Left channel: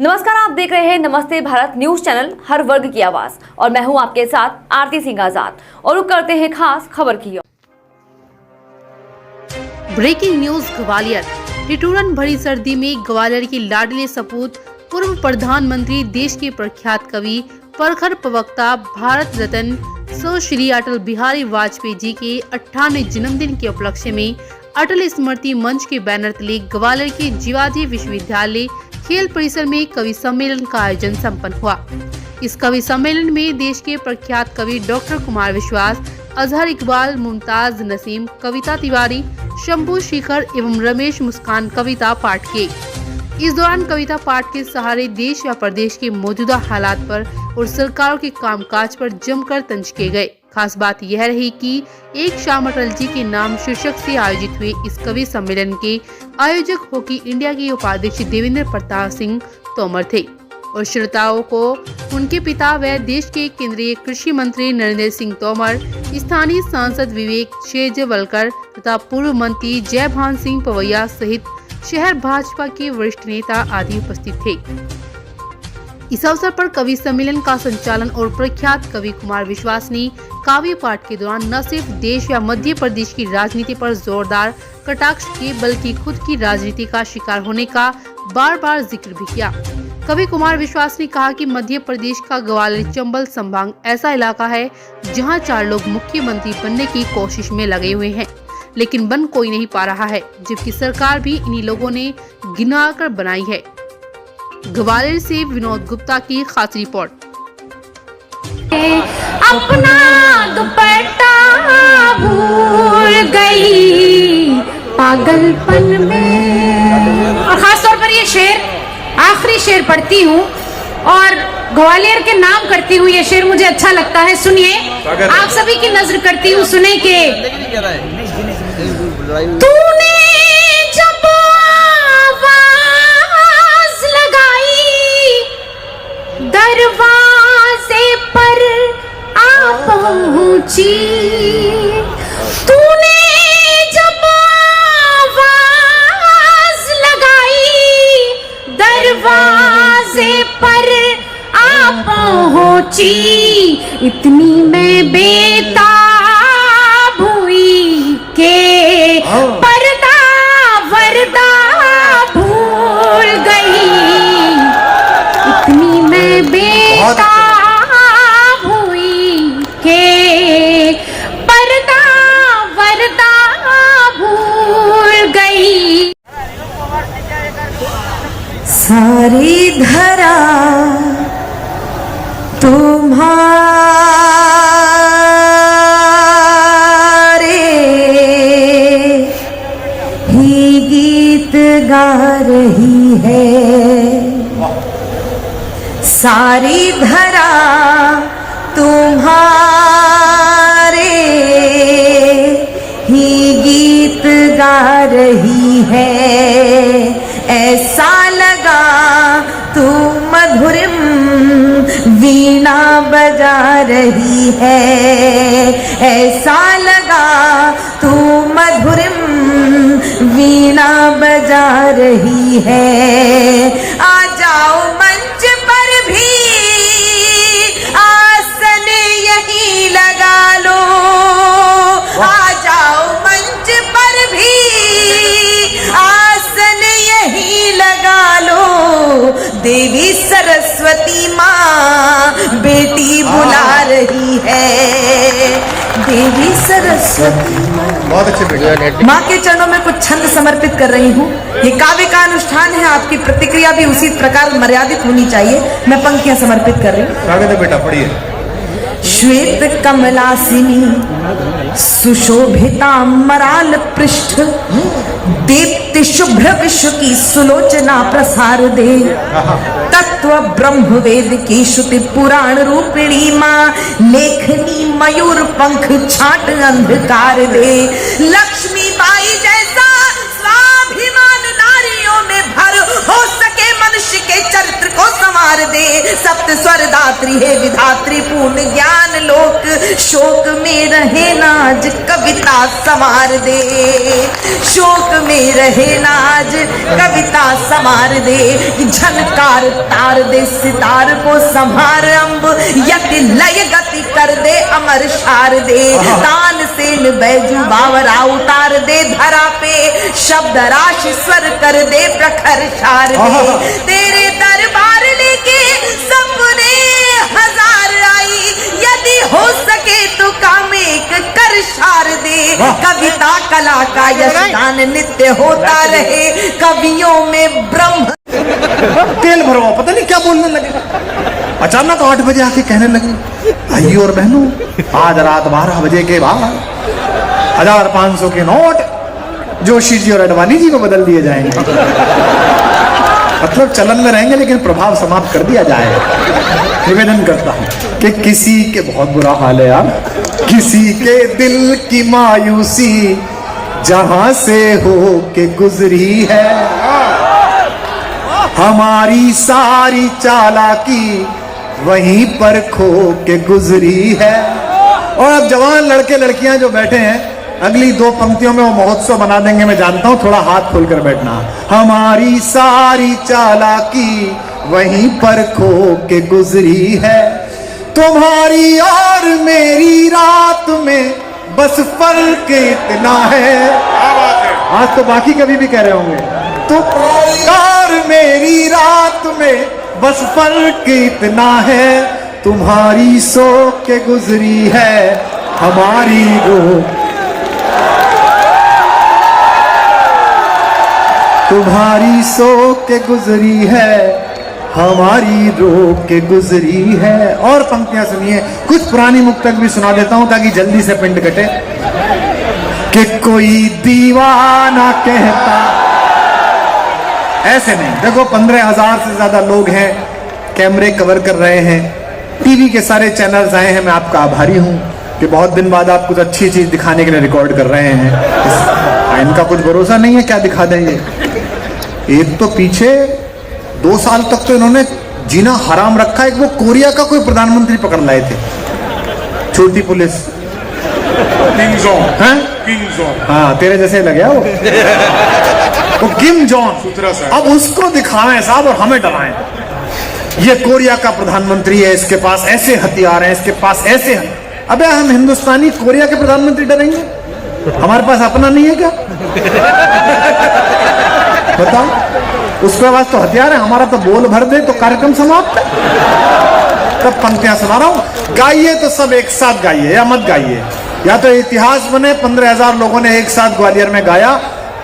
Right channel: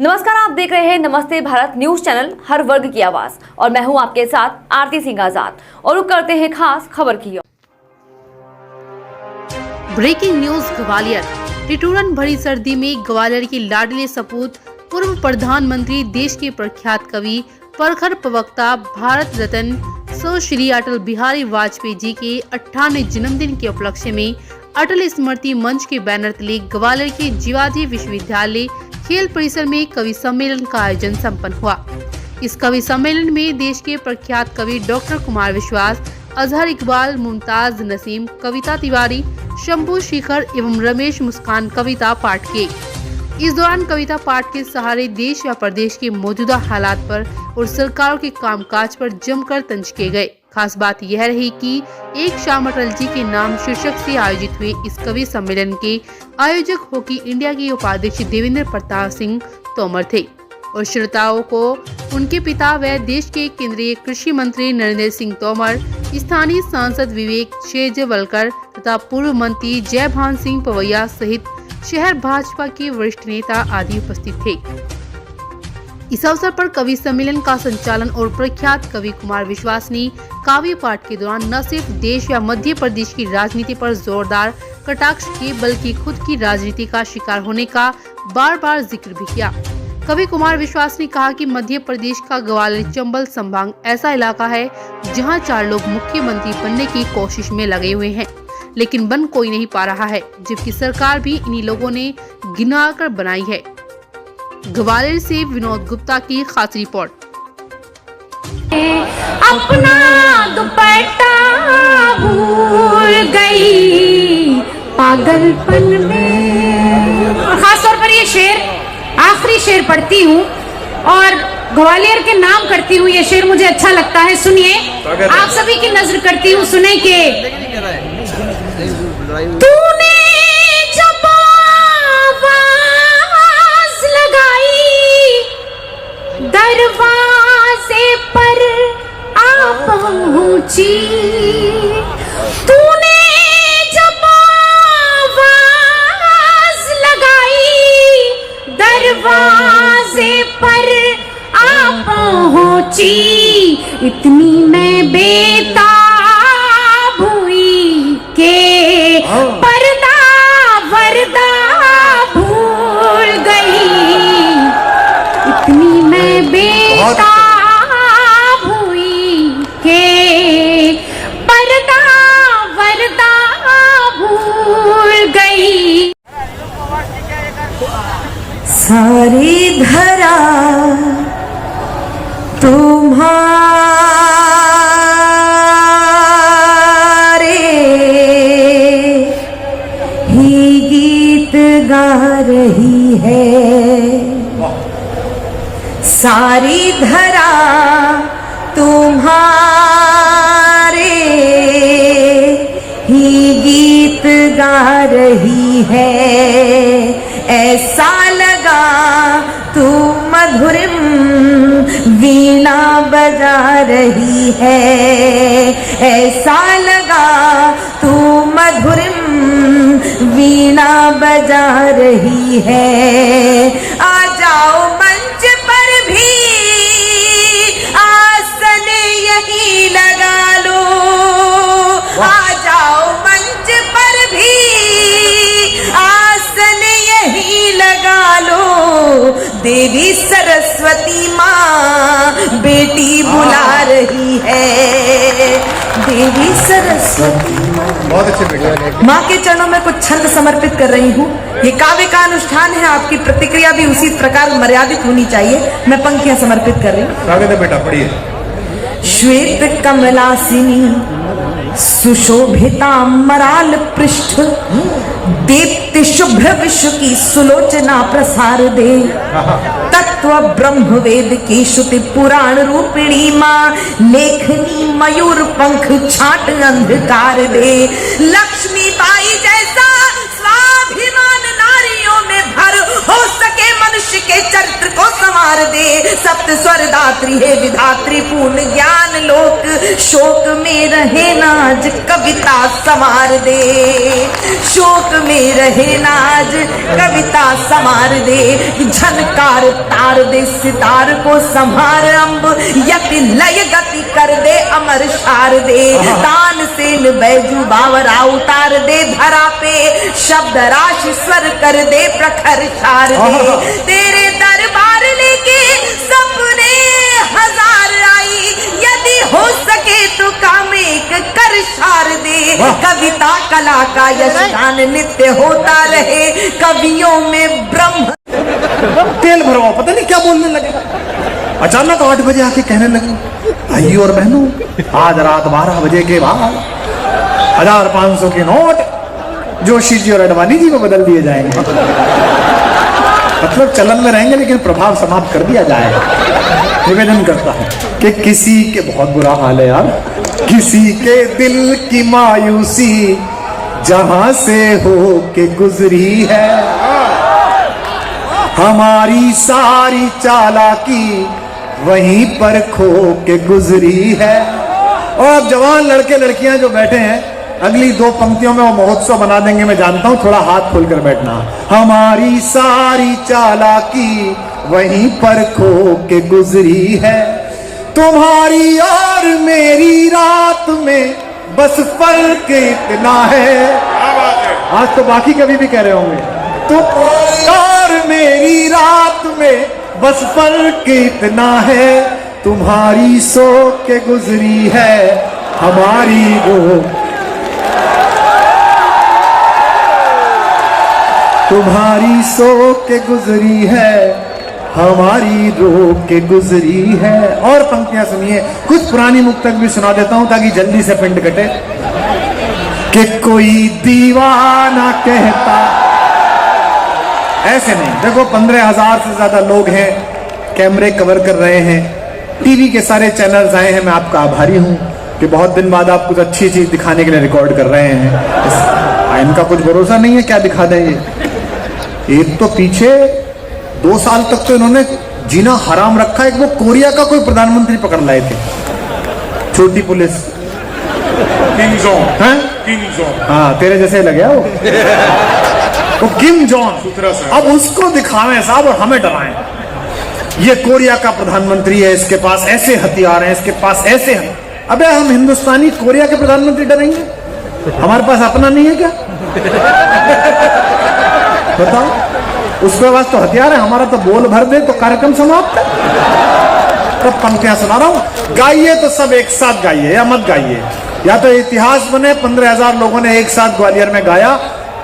नमस्कार, आप देख रहे हैं नमस्ते भारत न्यूज चैनल, हर वर्ग की आवाज, और मैं हूं आपके साथ आरती सिंह आजाद। और रुक करते हैं खास खबर की ओर। Breaking news Gwalior. ठिठुरन भरी सर्दी में ग्वालियर की लाडली सपूत पूर्व प्रधानमंत्री, देश के प्रख्यात कवि, प्रखर प्रवक्ता, भारत रत्न सो श्री अटल बिहारी वाजपेयी जी के 98वें जन्मदिन के उपलक्ष्य में अटल स्मृति मंच के बैनर तले ग्वालियर के जीवाजी विश्वविद्यालय खेल परिसर में कवि सम्मेलन का आयोजन संपन्न हुआ। इस कवि सम्मेलन में देश के प्रख्यात कवि डॉक्टर कुमार विश्वास, अजहर इकबाल, मुमताज नसीम, कविता तिवारी, शंभू शिखर एवं रमेश मुस्कान कविता पाठ किए। इस दौरान कविता पाठ के सहारे देश व प्रदेश के मौजूदा हालात पर और सरकारों के कामकाज पर जमकर तंज किए गए। खास बात यह रही कि एक शाम अटल जी के नाम शीर्षक से आयोजित हुए इस कवि सम्मेलन के आयोजक हॉकी इंडिया के उपाध्यक्ष देवेंद्र प्रताप सिंह तोमर थे और श्रोताओं को उनके पिता व देश के केंद्रीय कृषि मंत्री नरेंद्र सिंह तोमर, स्थानीय सांसद विवेक शेजवलकर तथा पूर्व मंत्री जयभान सिंह पवैया सहित शहर भाजपा के वरिष्ठ नेता आदि उपस्थित थे। इस अवसर पर कवि सम्मेलन का संचालन और प्रख्यात कवि कुमार विश्वास ने काव्य पाठ के दौरान न सिर्फ देश या मध्य प्रदेश की राजनीति पर जोरदार कटाक्ष किए, बल्कि खुद की राजनीति का शिकार होने का बार बार जिक्र भी किया। कवि कुमार विश्वास ने कहा कि मध्य प्रदेश का ग्वालियर चंबल संभाग ऐसा इलाका है जहां 4 लोग मुख्यमंत्री बनने की कोशिश में लगे हुए हैं, लेकिन बन कोई नहीं पा रहा है, जबकि सरकार भी इन्हीं लोगों ने गिनाकर बनाई है। ग्वालियर से विनोद गुप्ता की खास रिपोर्ट। अपना दुपट्टा भूल गई पागलपन में। और खास तौर पर ये शेर, आखिरी शेर पढ़ती हूँ और ग्वालियर के नाम करती हूँ। ये शेर मुझे अच्छा लगता है, सुनिए। आप सभी की नजर करती हूँ, सुने के तूने जब आवाज लगाई दरवाजे पर आ पहुंची, तूने जब आवाज लगाई दरवाजे पर आ पहुंची, इतनी मैं बेताब हुई के पर्दा वर्दा भूल गई, इतनी मैं बेताब हुई के पर्दा वर्दा भूल गई। सारी धरा तुम्हारे ही गीत गा रही है, सारी धरा तुम्हारे ही गीत गा रही है, ऐसा लगा तू मधुरम वीणा बजा रही है, ऐसा लगा तू मधुरम वीणा बजा रही है। आ जाओ मंच पर भी आसन यही लगा लो, आ जाओ मंच पर भी आसन यही लगा लो, देवी सरस्वती माँ बेटी बुला रही है, देवी सरस्वती बहुत अच्छे माँ के चरणों में कुछ छंद समर्पित कर रही हूँ। ये काव्य का अनुष्ठान है, आपकी प्रतिक्रिया भी उसी प्रकार मर्यादित होनी चाहिए। मैं पंक्तियां समर्पित कर रही हूँ। स्वागत है बेटा, पढ़िए। श्वेत कमलासिनी सुशोभिता मराल पृष्ठ, दीप्ति शुभ्र विश्व की सुलोचना प्रसार दे, तत्व ब्रह्म वेद की श्रुति पुराण रूपिणी माँ, लेखनी मयूर पंख छाट अंधकार दे, लक्ष्मी बाई जैसा स्वाभिमान नारियों में भर हो सके, मनुष्य के चरित्र को संवार संवार दे। सप्त स्वर दात्री हे विधात्री पूर्ण ज्ञान लोक, शोक में रहे नाज कविता संवार दे। शोक में रहे नाज कविता संवार दे। झनकार तार दे सितार को संभार अम्ब, यति लय गति कर दे अमर शार दे। तान सेन बैजू बावरा उतार दे धरा पे, शब्द राशि स्वर कर दे प्रखर शार दे। तेरे दरबार लेके सपने हजार आई, यदि हो सके तो काम एक कर शार दे। कविता कला का यश गान नित्य होता रहे, कवियों में ब्रह्म। तेल भरवाओ, पता नहीं क्या बोलने लगे। अचानक 8 बजे आके कहने लगी, भाइयों और बहनों, आज रात 12 बजे के बाद 1500 के नोट जोशी जी और अडवाणी जी को बदल दिए जाएंगे। मतलब चलन में रहेंगे लेकिन प्रभाव समाप्त कर दिया जाएगा। निवेदन करता हूं कि किसी के, बहुत बुरा हाल है यार, किसी के दिल की मायूसी जहां से हो के गुजरी है, हमारी सारी चालाकी वहीं पर खो के गुजरी है। और अब जवान लड़के लड़कियां जो बैठे हैं, अगली 2 पंक्तियों में वो महोत्सव बना देंगे, मैं जानता हूं, थोड़ा हाथ खोलकर बैठना। हमारी सारी चालाकी वहीं पर खो के गुजरी है, तुम्हारी और मेरी रात में बस फर्क इतना है। आज तो बाकी कभी भी कह रहे होंगे, तुम्हारी और मेरी रात में बस फर्क इतना है, तुम्हारी सो के गुजरी है हमारी रो, तुम्हारी सो के गुजरी है हमारी रो के गुजरी है। और पंक्तियां सुनिए, कुछ पुरानी मुक्तक भी सुना देता हूं ताकि जल्दी से पिंड कटे। कि कोई दीवाना कहता, ऐसे नहीं, देखो 15,000 से ज्यादा लोग हैं, कैमरे कवर कर रहे हैं, टीवी के सारे चैनल्स आए हैं, मैं आपका आभारी हूं कि बहुत दिन बाद आप कुछ अच्छी चीज दिखाने के लिए रिकॉर्ड कर रहे हैं। इनका कुछ भरोसा नहीं है क्या दिखा देंगे। एक तो पीछे 2 साल तक तो इन्होंने जीना हराम रखा है कि वो कोरिया का कोई प्रधानमंत्री पकड़ लाए थे, छोटी पुलिस। हाँ, तेरे जैसे लगे वो किम जॉन, अब उसको दिखाना है साहब और हमें डराएं। ये कोरिया का प्रधानमंत्री है, इसके पास ऐसे हथियार हैं, इसके पास ऐसे हैं। अबे हम हिंदुस्तानी कोरिया के प्रधानमंत्री डरेंगे? हमारे पास अपना नहीं है क्या? बताओ, उसके पास तो हथियार है, हमारा तो बोल भर दे तो कार्यक्रम समाप्त। तब पंक्तियां सुना रहा हूं, गाइए तो सब एक साथ गाइए या मत गाइए, या तो इतिहास बने। 15,000 लोगों ने एक साथ ग्वालियर में गाया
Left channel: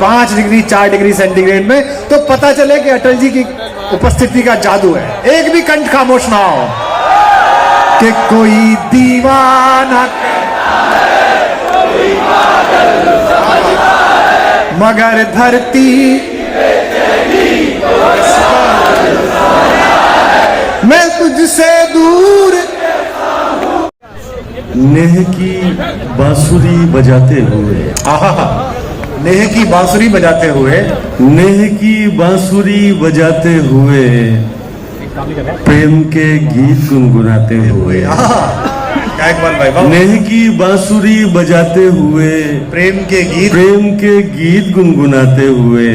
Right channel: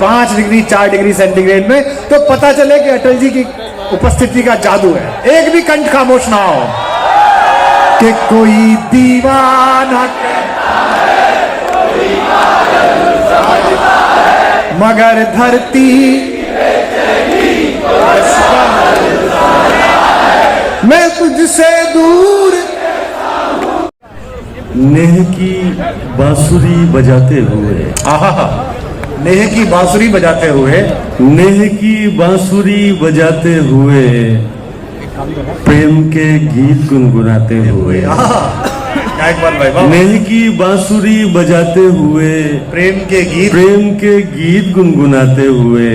5 डिग्री 4 डिग्री सेंटीग्रेड में, तो पता चले कि अटल जी की उपस्थिति का जादू है। एक भी कंठ खामोश ना हो कि कोई दीवाना मगर धरती मैं तुझसे दूर। नेह की बांसुरी बजाते हुए, आहा, नेह की बांसुरी बजाते हुए, नेह की बांसुरी बजाते हुए, प्रेम के गीत गुनगुनाते हुए। क्या एक बार भाई, नेह की बांसुरी बजाते हुए, प्रेम के गीत गुनगुनाते हुए,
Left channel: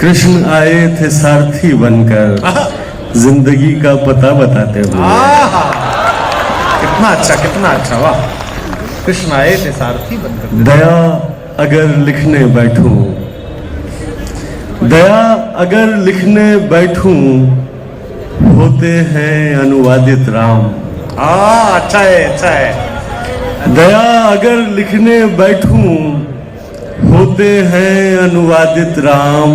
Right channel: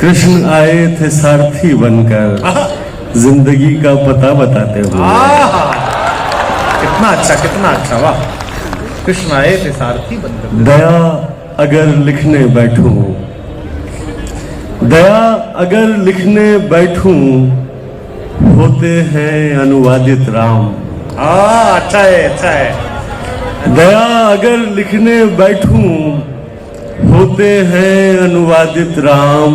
कृष्ण आए थे सारथी बनकर जिंदगी का पता बताते हुए। कितना अच्छा, वाह। कृष्ण आए थे सारथी बनकर। दया अगर लिखने बैठूं, दया अगर लिखने बैठूं, होते हैं अनुवादित राम। अच्छा है। दया अगर लिखने बैठूं, होते हैं अनुवादित राम।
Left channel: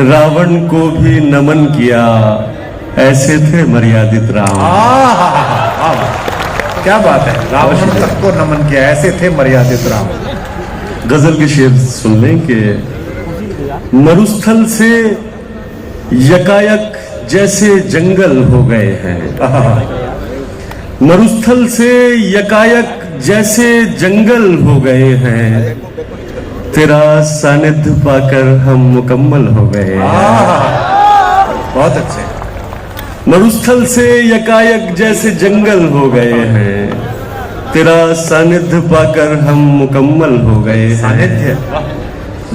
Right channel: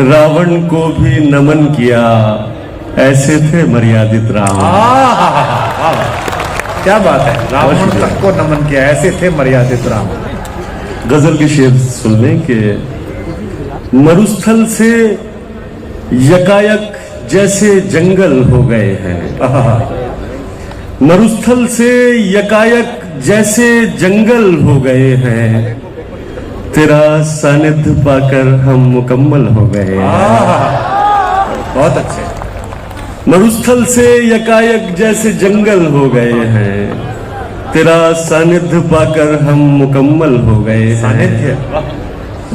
रावण को भी नमन किया, ऐसे थे मर्यादित राम। क्या बात है, रावण तक को नमन किया, ऐसे थे मर्यादित राम। गजल के शेर सुनने के, मरुस्थल से यकायक जैसे जंगल हो गए हैं। मरुस्थल से यकायक जैसे जंगल हो गए हैं, तेरा सानिध्य पाकर हम मुकम्मल हो गए हैं। बहुत अच्छे। मरुस्थल से यकायक जैसे जंगल हो गए हैं, तेरा सानिध्य पाकर हम मुकम्मल हो गए हैं।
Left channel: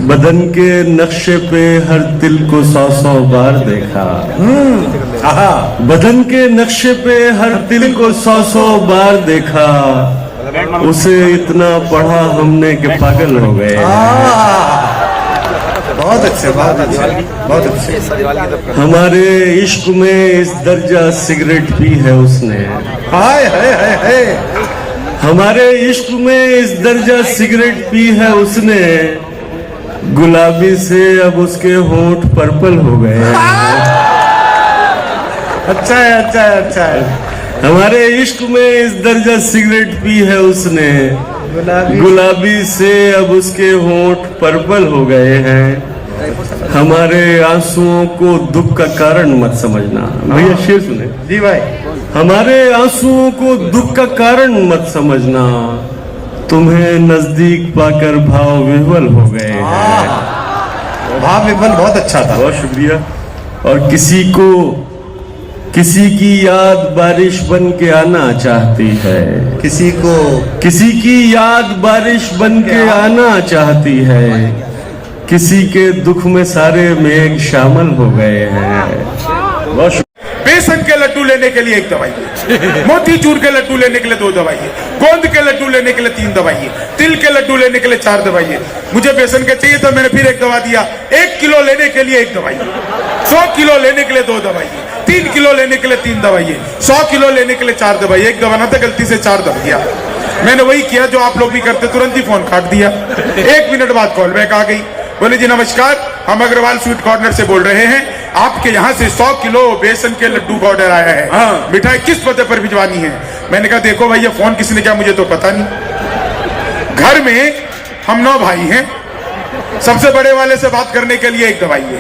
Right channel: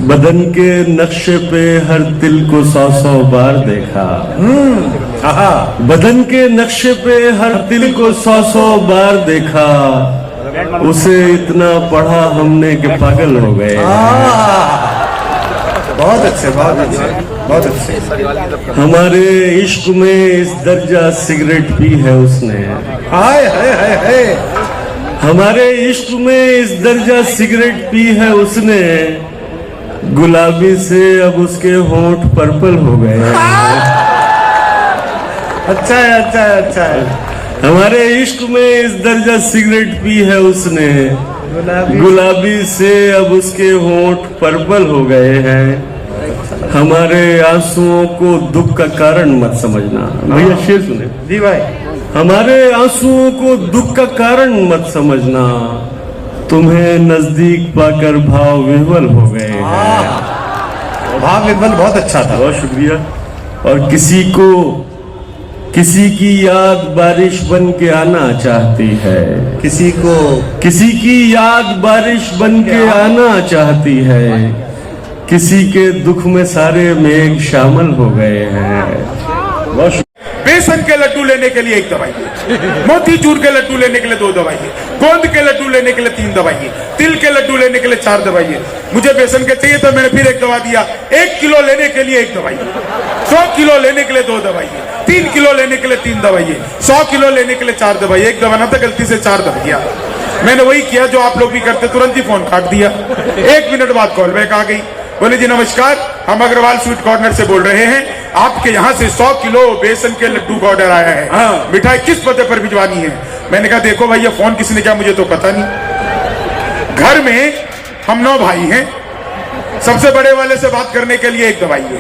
बदन के नक्शे पे हर तिल को 100 बार देखा। बदन के नक्शे पे हर तिल को 100 बार देखा, उसे इतना पढ़ा हमने कि पागल हो गए। बहुत अच्छे, बहुत अच्छे, बहुत अच्छे। हमारे इश्क में इस दर्जा सिगरेट पी है उसने। हाय हाय हाय हाय। हमारे इश्क में इस दर्जा सिगरेट पी है उसने, गुलाबी से अब उसके होंठ पर्पल हो गए हैं। अच्छा है, अच्छा है, अच्छा है। हमारे इश्क में इस दर्जा सिगरेट पी है उसने, गुलाबी से अब उसके होंठ पर्पल हो गए हैं। हमारे आंसुओं को दुख का कारण मत समझना। भैया शेर सुने जी भाई। हमारे आंसुओं को दुख का कारण मत समझना, तुम्हें नजदीक पाकर भाव विह्वल हो गए हैं। भाव विह्वल बहुत अच्छा था। बहुत शुक्रिया। और किसी की याद बारिश बन के आना चाहती है, किसी की याद बारिश बन के आना चाहती है, किसी के दुख में सारे मेघ शामिल हो गए हैं। बहुत बेसन के लड्डू लेने के लिए 1 दवाई, मोतीचूर के लड्डू लेने के लिए 2 दवाई, गोंद के लड्डू लेने के लिए 3 दवाई, तिल के लड्डू लेने के लिए 4 दवाई। मुझे बेसन के चाहिए तो मैंने फिर 1 दवा दिया। 1 किलो लेने के लिए 1 दवाई, 100 किलो लेने के लिए 2 दवाई, 3 किलो लेने के लिए 3 दवाई, 100 किलो लेने के लिए 4 दवाई। 1 दवा ना था, गलती से 4 दवा दिया। मैंने वही किया जो आप लोग भी करते, तुरंत ही फोन काट दिया। 1 मिनट बाद कॉल बैक आ गई। बोले जी नमस्कार, हम अग्रवाल स्वीट कॉर्नर से बोल रहे हैं, आपके यहाँ से 100 किलो बेसन के लड्डू का ऑर्डर आया है। मिठाई किस पते पर भिजवानी है? मैंने कहा देखो भाई, ये फोन किसने किया मुझे तो पता नहीं। घर में हम 9 भाई हैं, सबसे बड़े वाले से बात करने के लिए 1 दवाई है,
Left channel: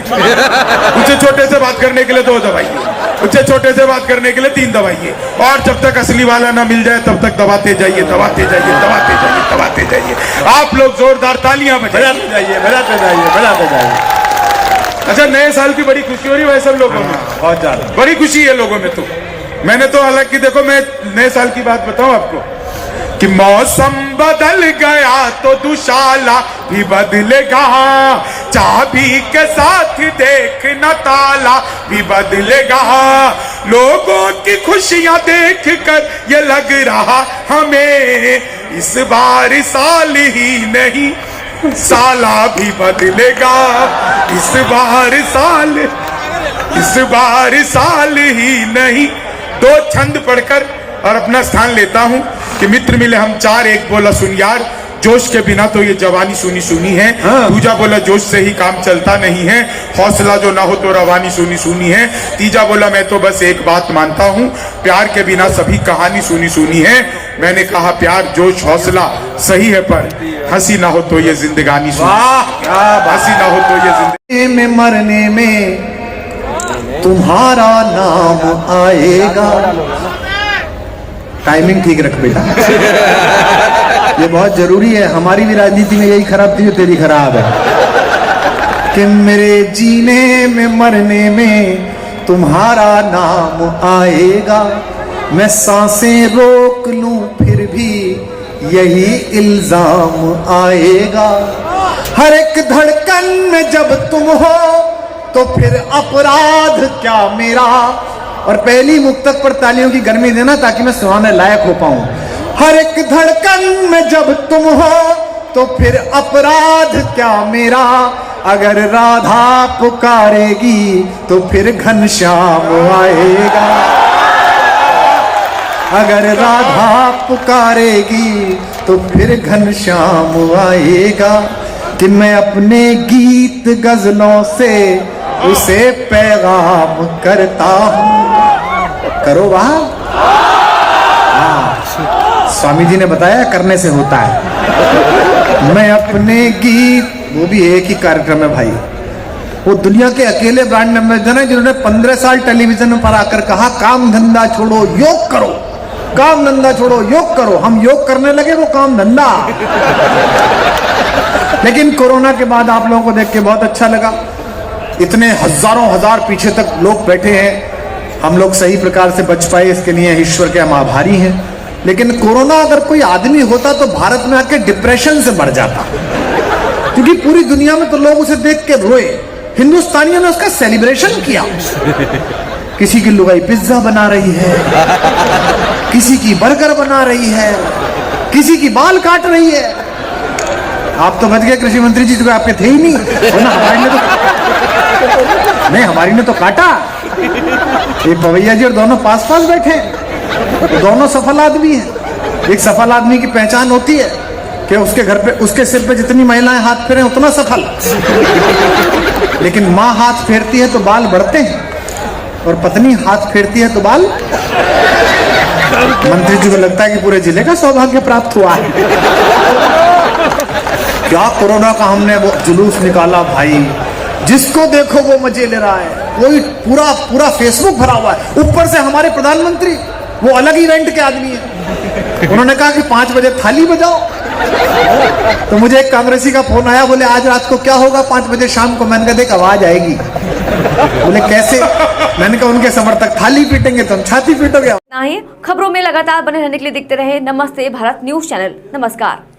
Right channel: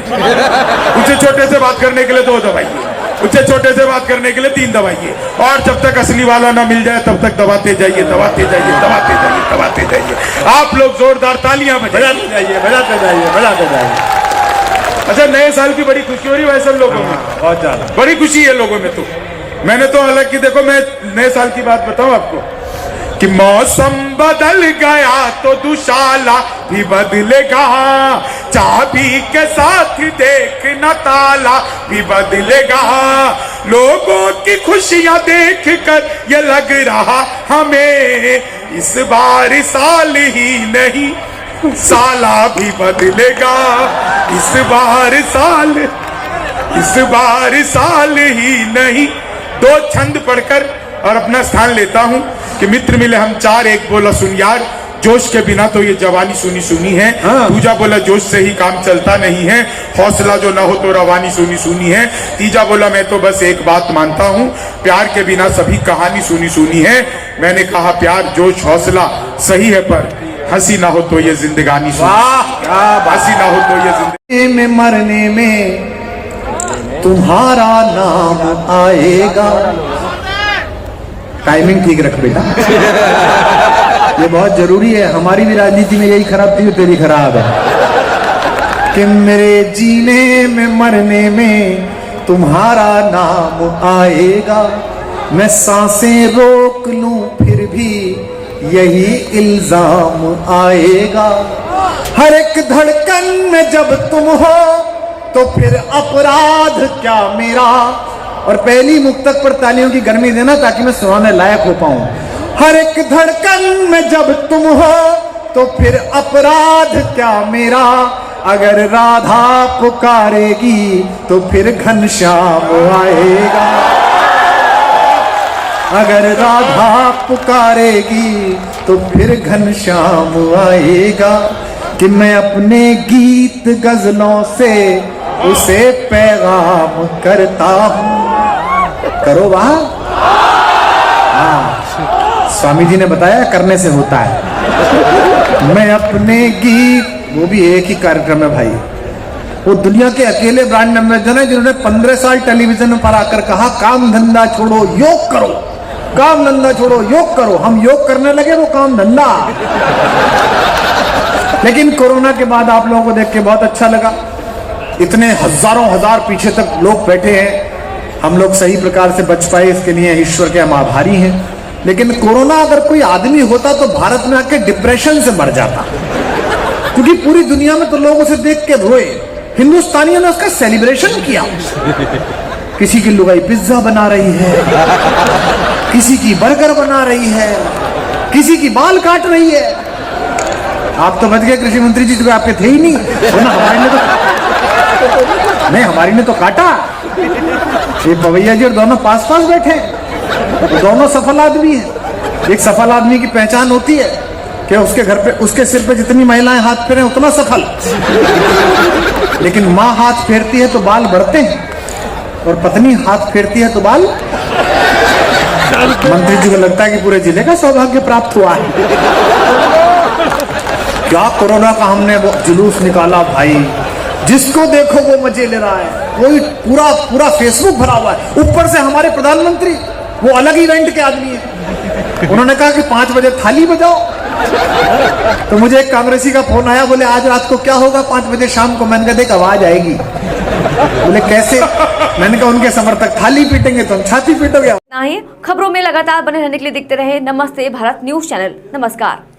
उससे छोटे से बात करने के लिए 2 दवाई है, उससे छोटे से बात करने के लिए 3 दवाई है। और जब तक असली वाला ना मिल जाए तब तक दबाते जाइए, दबाते जाइए, दबाते जाइए, दबाते जाइए। आप लोग जोरदार तालियां बजाते जाइए, बजाते जाइए, बजाते जाइए। अच्छा, नए साल की बड़ी खुशी हो रही है सब लोगों में, बहुत ज्यादा बड़ी खुशी है लोगों में। तो मैंने तो हालांकि देखो, मैं नए साल की बात बताऊं आपको कि मौसम बदल गया तो दुशाला भी बदलेगा, चाबी के साथ देखना ताला भी बदलेगा। लोगों की खुशियां देख कर ये लग रहा हमें, इस बार साल ही नहीं साला भी बदलेगा। इस बार साल ही नहीं। 2 छंद पढ़कर और अपना स्थान लेता हूं कि मित्र मिले हम 4, 1 बोला सुन यार, जोश के बिना तो ये जवानी सुनी सुनी है। दूजा बोला जोश से ही काम चलता नहीं है, हौसला जो ना हो तो रवानी सुनी सुनी है। तीजा बोला मैं तो बस एक बात मानता हूँ, प्यार के बिना सभी कहानी सुनी सुनी है। मैंने कहा प्यार जोश हौसला सही है, पर हंसी ना हो तो ये जिंदगानी सुनी। हंसी ना हो तो ये जिंदगी में मरने में तुम्हारा नाम आएगा। टाइमिंग ठीक रख बेटा, ये बहुत जरूरी है। हमारी भी राजनीति में यही खराब थी जो तेरी खराब है कि मेरे जीने में मरने में तुम्हारा नाम आएगा। मैं सांसें रोक लूं फिर भी यही इल्जाम आएगा। हर एक धड़कन में जब तुम हो तो फिर अपराध क्या मेरा। और पहली मुक्तक पर तालियों की गर्मी देना ताकि मैं सुनाने लायक हो पाऊं। हर एक धड़कन में जब तुम हो तो फिर अपराध क्या मेरा। अगर राधा पुकारेगी तो फिर घनश्याम आएगा। अगर राधा पुकारेगी तो फिर घनश्याम आएगा। कि मैं अपने गीत गजलों से उसे पैगाम करता हूँ। करो वहां। स्वामी जी ने बताया करने से होता है। मैं अपने गीत, वो भी एक ही कार्यक्रम है भाई, वो दुनिया के अकेले ब्रांड एम्बेसडर हैं जिन्होंने 15 साल टेलीविजन पर आकर कहा काम धंधा छोड़ो योग करो, काम धंधा छोड़ो योग करो। हम योग करने लगे, वो काम धंधा। लेकिन कोरोना के बाद आप लोगों को देख के बहुत अच्छा लगा। इतने हजारों हजार पीछे तक लोग बैठे हैं। हम लोग सही प्रकार से बच पाए, इसके लिए ईश्वर के हम आभारी हैं। लेकिन कोरोना अगर कोई आदमी होता तो भारत में आके डिप्रेशन से मर जाता, क्योंकि पूरी दुनिया में तो लोग उसे देख के रोए, हिंदुस्तानियों ने उसका सेलिब्रेशन किया। किसी की लुगाई पिज्जा बना रही है, किसी की बर्गर बना रही है, किसी की बाल काट रही है। आप तो बच गए कृषि मंत्री जी, तो आपके थे ही नहीं, वरना हमारी ने तो काटा। ये पवैया जी और दोनों पास पास बैठे हैं, तो दोनों सफल आदमी हैं। एक सफल आदमी की पहचान होती है कि उसके घर पे, उसके सिर पे जितनी महिलाएं हाथ फेरे उतना सफल। लेकिन माँ हाथ फेरती है तो बाल बढ़ते हैं, और पत्नी हाथ फेरती है तो बाल। मंत्री जी को लगता है कि पूरे जिले का सौभाग्य प्राप्त हुआ है। क्या कोरोना का हमने वो जुलूस निकाला भाई, जिसको देखो वो मजे ले रहा है, वही पूरा फेसबुक भरा हुआ है। ऊपर से हमारे प्रधानमंत्री वो अलग ही रेंट के आदमी है, उन्होंने कहा कि 5 बजे थाली बजाओ। तो मुझे एक कांग्रेसी का फोन आया, बोले आज रात को क्या होगा 5 बजे शाम को। मैंने कहा देख आवाज आएगी। बोले कैसे? मैंने कहा उनके समर्थक थाली पीटेंगे तो हम छाती पीटोगे। खबरों में लगातार बने रहने के लिए देखते रहे नमस्ते भारत न्यूज चैनल। नमस्कार।